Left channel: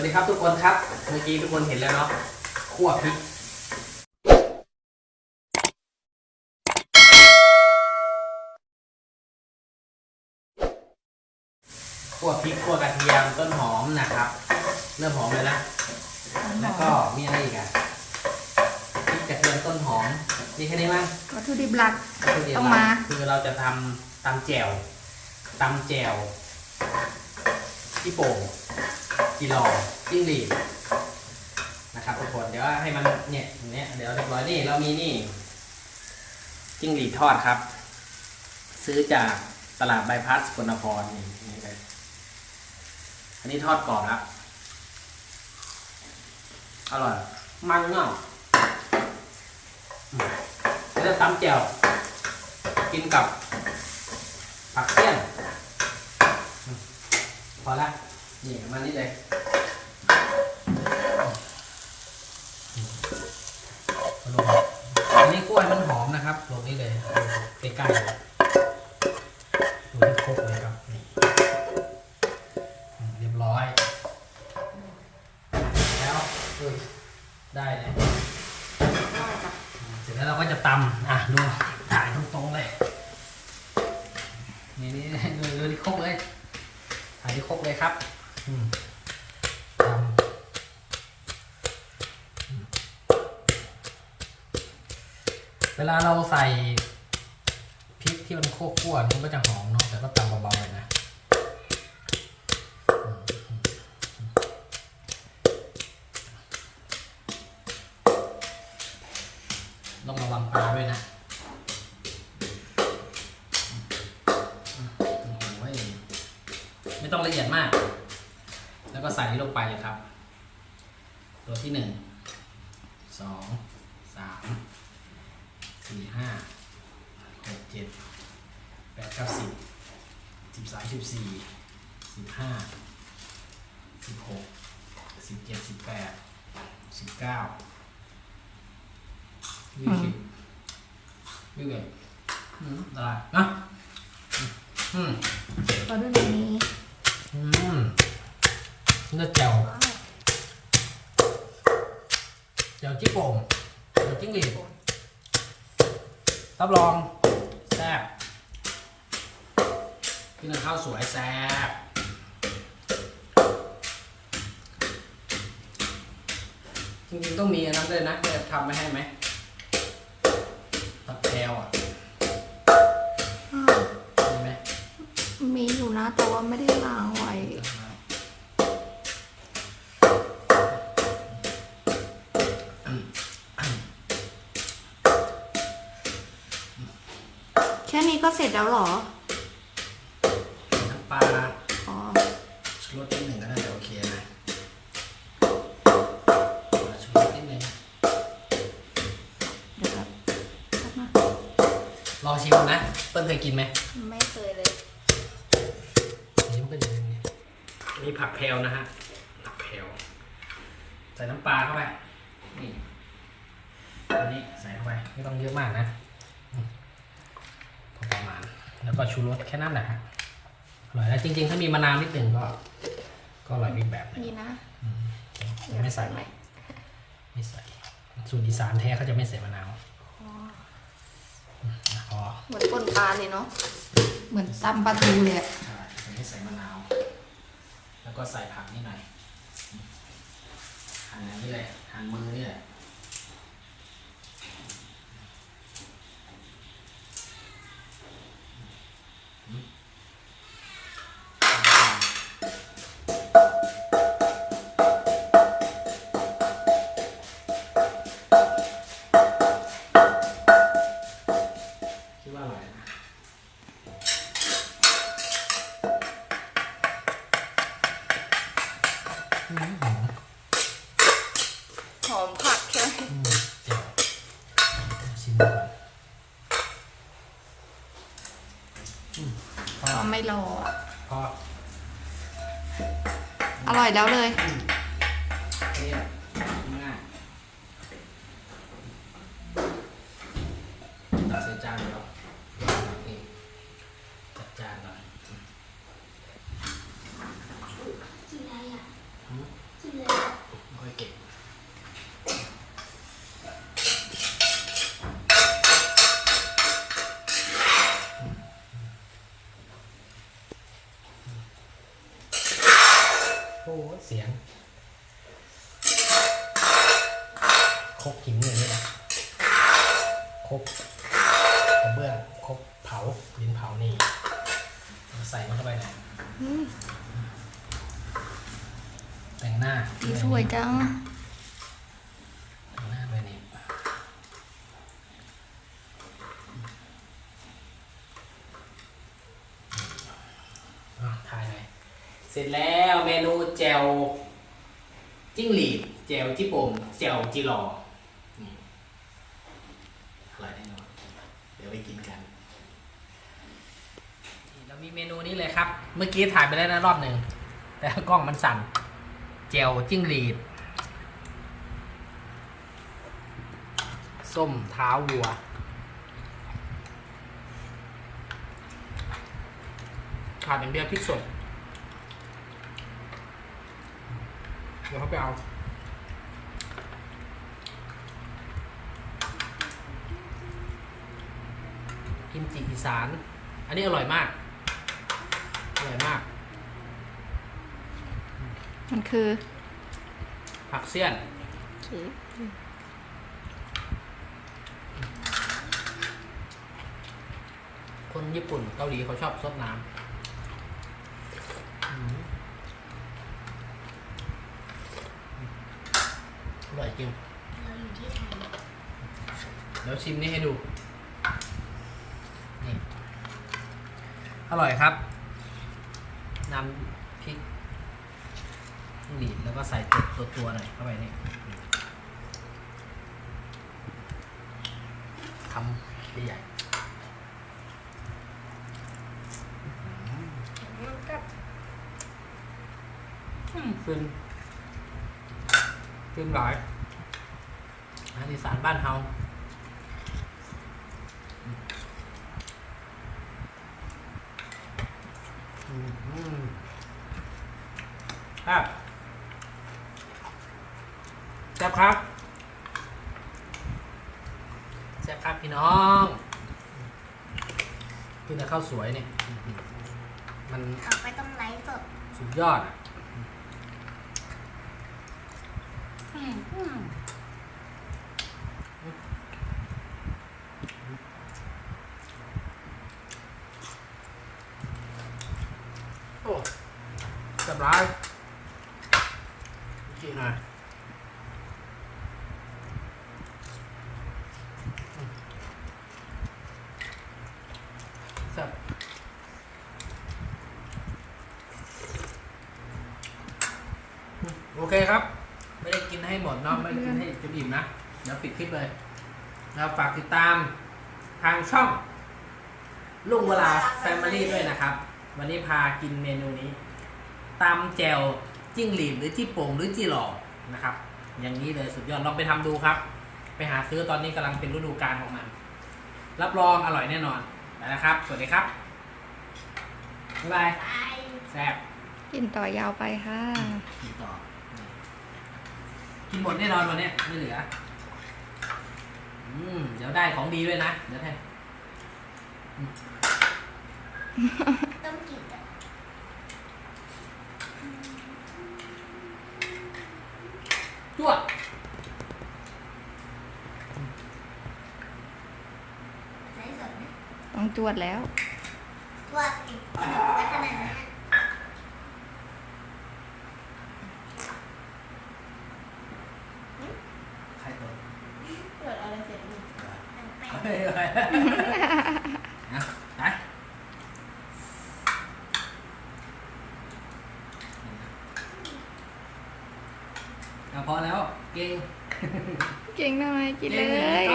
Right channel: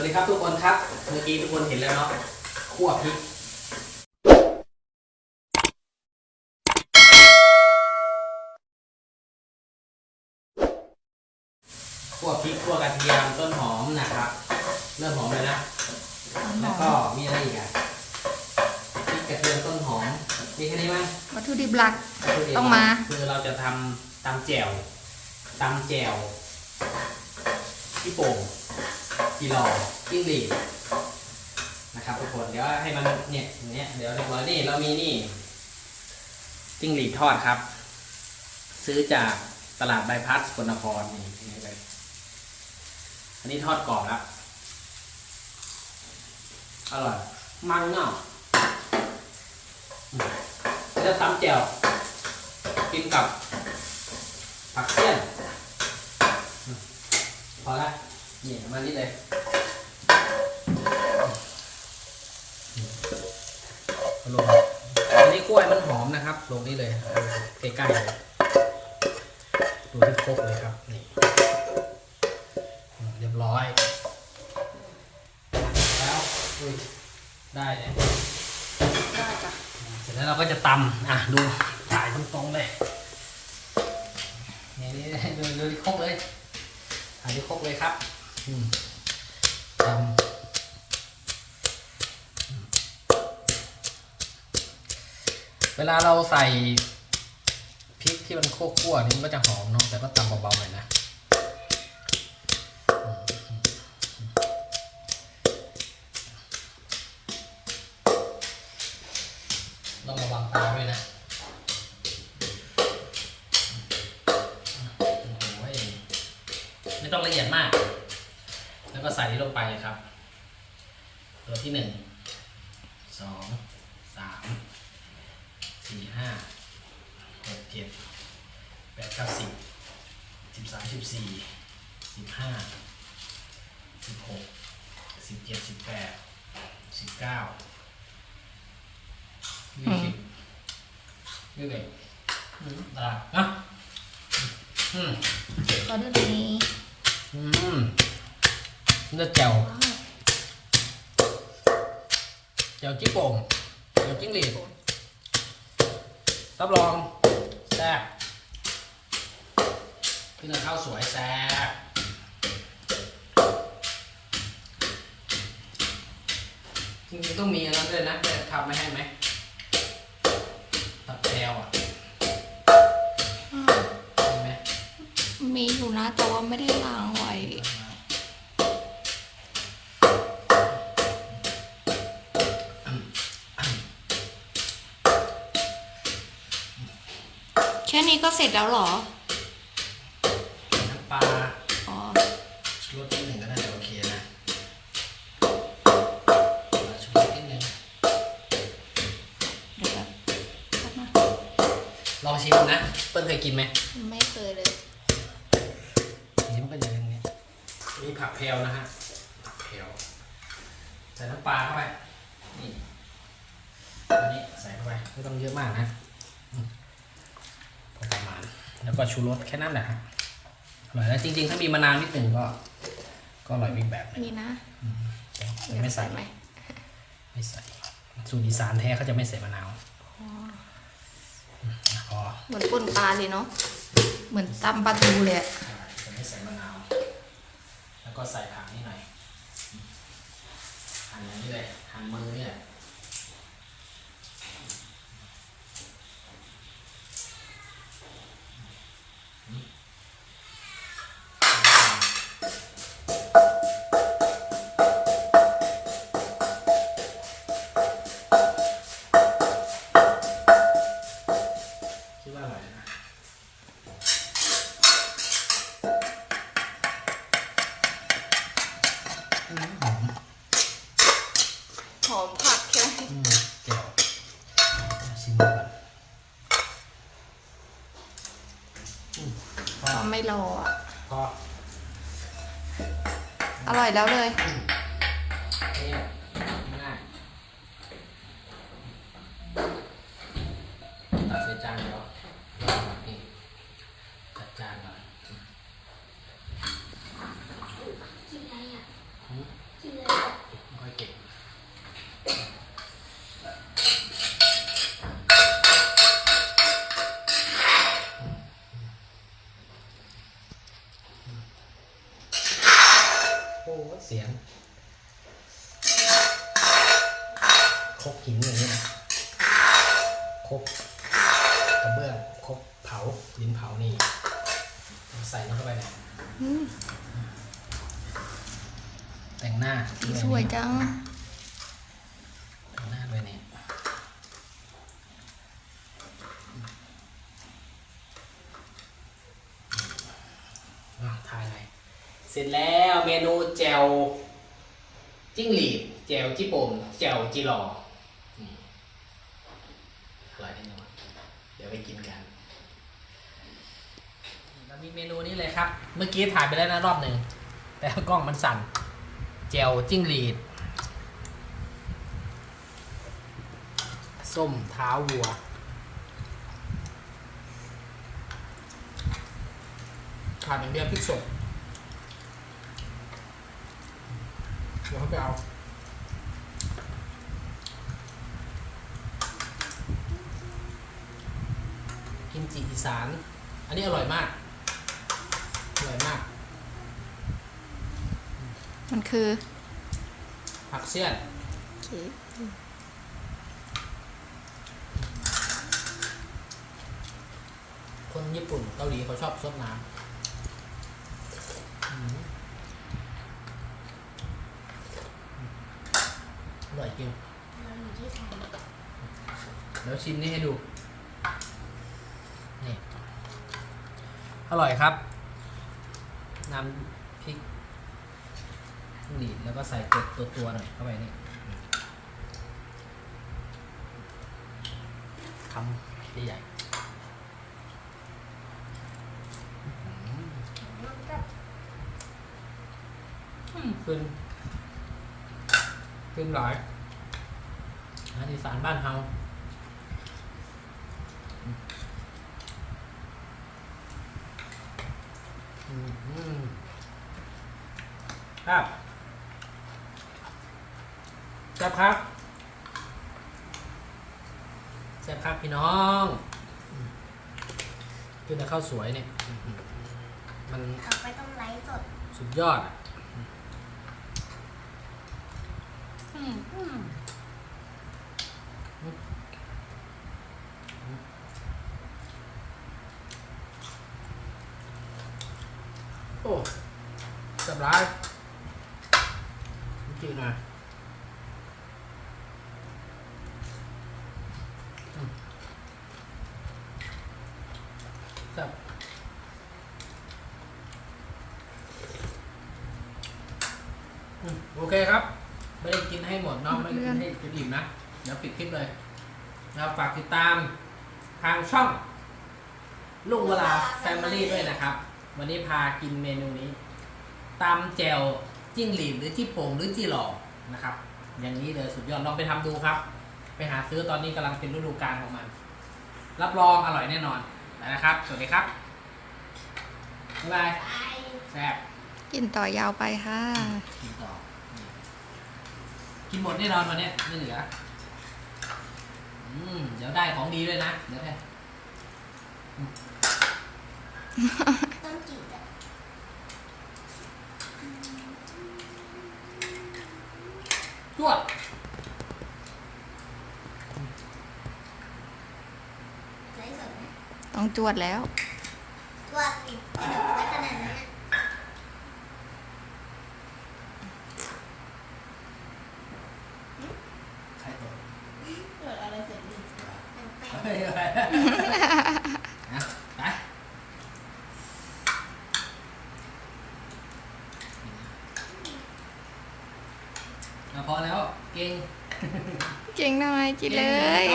วัสดีครับทุกคนครับ เมื่อกี้ทุกคนเห็นแล้วเนาะคั่วพริกคั่วพริกคั่วกระเทียมต้นหอมนะครับ เริ่มหอมเลยนะ แล้วก็มีอะไรอีกอะพริกกระเทียมต้นหอม มีแค่นี้มั้งวัตถุดิบหลักวัตถุดิบต้องมา คือเราจะทำตำแจ่วตำแจ่วพี่โป่ง กีรอจิ้งหรีดนะครับทุกคนเดี๋ยวให้มันเนี่ยอย่างเนี้ยเดี๋ยวเรียบร้อยนี่เรามีนี่จิ้งหรีดทอดครับ ซื้อจากตลาดใบพัดสกลนครนี่นี่เลยอันนี้ทอดกรอบแล้วอร่อย มันเนาะอืมแล้วตำแจ่วกินกับผักเตี้ยนพอละ นี่เอามานี่เลยเอาลงอันนี้กล้วยมันหอมนะครับ ลงนี่เลยใกล้ๆเลยดูที่ครกเลยครับนี่อืมเรียบร้อย แล้วอุ้ยได้เลยได้จ้ะเสร็จแล้วเราก็จะตำอะดูถ่ายตรงๆเลยนี่นี่ดูดูที่ครกเลยถ่ายที่ครกเลยครับ อืมตำเวลาเราใส่พริกที่มันคั่วๆนี่มันก็จะหอมเนาะแต่ก็ตำเบาๆเลยนะ ตัวที่หนึ่งสองสามสี่ห้าหกเจ็ดแปดเก้าสิบสิบสามสิบสี่สิบห้าสิบหกสิบเจ็ดสิบแปดสิบเก้ายี่สิบยี่สิบเอ็ดอืมได้นะอืมก็ดูตรงนี้อืมเนื้อแจ่ว ว้าวแจ่วจิ้งโป่งแจ่วจิ้งหรีดรับรองแซ่บกินกับข้าวสวยแซ่บจริงๆต้องมีอันนั้นด้วยนะจะทำไม่ให้ไหมตับแพลวอะอ้าวมีไหมมีอยู่นะ แต่ว่าไม่ได้ล้างไว้แค่ นี้ก็เสร็จแล้วเหรอ น้ำปลาอ๋อ ชูรสนิดหนึ่งก็น่าจะโอเคนะชูรสนิดหนึ่งเดี๋ยวแบบแป๊บนะลองชิมนะ เปิ้ลเคยกินไหมไม่เคยเลยนี่มันก็จะเป็นอย่างนี้มีผักแพลวนะฮะ ผักแพลวใส่น้ำปลาเข้าไป นี่อันนี้ใส่เข้าไป ไม่ต้องเยอะมากนะอืมพอประมาณ แล้วก็ชูรสแค่นั้นแหละฮะอร่อยแล้วจริง ๆ ถ้ามีมะนาวนิดหนึ่งก็ ก็อร่อยอีกแบบหนึ่งนี่นะแต่ไม่ใส่ไหมไม่ใส่สูตรอีสานแท้เขาจะไม่ใส่มะนาวอ๋อพอเหมือนป่นปลาเลยเนาะเหมือนตำปลาทูเลยอะใช่จะไม่ใส่มะนาว แล้วก็ใส่ผักนิดหน่อยหั่นอย่างนี้เลยหั่นมือนี่แหละ หอมหอมผักใช่ไหมอืมเจ๋วชิมก่อนก็ก็ไม่รออะพออร่อยแล้วเลย เนี่ยตัดใส่จานเดียวนี่จัดจานก่อน กินอะไรอะ หืม กิน เสียงครกหินอย่างนี้นะครกกระเบื้องคร กเผาหินเผานี่ใส่มันเข้าไปเลยอืมแต่งหน้าสีสวยจัง แต่งหน้าด้วยนี่อะถ่ายหน่อยเสร็จแล้วเมนูแจวจิ้งหรีดแจวจิโป่มแจวจิหลอนี่อร่อยแน่นอนเดี๋ยวไปกินกันนี่เรา มีเมนูนี้เลยครับ เมื่อกี้ถ่ายไปแล้วนะรอบหนึ่ง แต่กล้องมันสั่นแจวจิ้งหรีด ส้มเท้าวัว ขาดอย่างเดียวพริกสด เดี๋ยวเขาไปเอากิมจิอีสาน อันนี้อร่อยมาก ร่อยมาก มันคือ ผักเสี้ยน โอเคคนญี่ปุ่นเกาหลีเขาชอบซดน้ำอืมอร่อยจริง เดี๋ยวชิมนี่ให้ดู นี่ อร่อยครับ น้ำพริกดีดแล้วก็ใส่ตัวตัวตัวๆหน่อยเข้าไปนี่คำใหญ่ๆอืมเป็นเป็นหลายอาหารอีสานบ้านเฮา อืมอืม ครับแซ่บครับแซ่บครับพี่น้องกินแต่ข้าวสวยเนี่ยอื้อหือมันเขาไปต้องไลฟ์สดสุดยอดอะ อืมอืมโอ้ สบายจริงหน่อยอืมแซ่บอืมโอเคครับ ไม่ได้กินให้หมดเนาะไม่ได้กินให้จนอิ่มนะ เดี๋ยวปิดคลิปเลยแล้วฝากติดตามทางช่องลุงเวลาแฟมิลี่ด้วยนะครับ วันนี้พากินเมนูนี้ ตำแจวจิ้งหรีดหรือจี้โป่งหรือจี้หล่อนะครับ อย่างนี้เลยสุดยอดลองไปทำดูครับ ไปหาซื้อตอนนี้กำลังเป็นฤดูกาลของมัน รับรองอร่อยแน่นอนไปนะครับ สวัสดีครับบ๊ายบายไปแซ่บกินต่อยาวไปค่ะกินต่อนี่กินหมดแน่นอนวันเนี้ยไม่เหลืออืมเดี๋ยวได้ของดีด้วยนะ เดี๋ยวแท้ต้องกินอะ จวดไลฟ์สดนะต้องจวดแล้วตัวสิบขนมจะขนาดนั้นอะใครตัวเกิดอะไรเสร็จนี่ตั้งแป้งเฮ้ยเฮ้ยเอาไปเอาพอแล้ว เกินเลย